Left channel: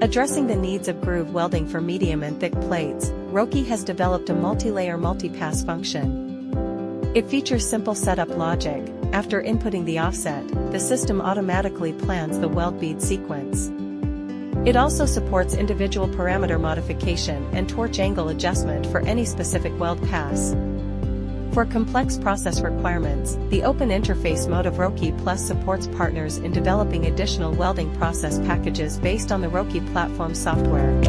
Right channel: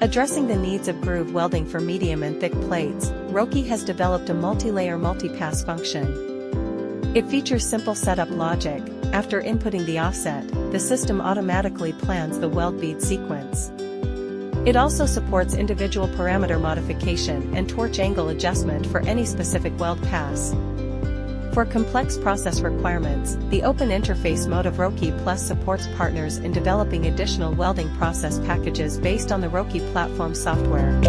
Addressing the needs of groove welding for medium and thick plates, ROKAE has developed a multi-layer multi-pass function. It features simple setup logic. After inputting the offset, the system automatically plans the weld bead sequence. It also supports individual parameter modification and torch angle adjustment for any specific weld pass. For complex process requirements, the open interface mode of ROKAE Plus supports partners in developing additional welding process packages based on the ROKAE platform software.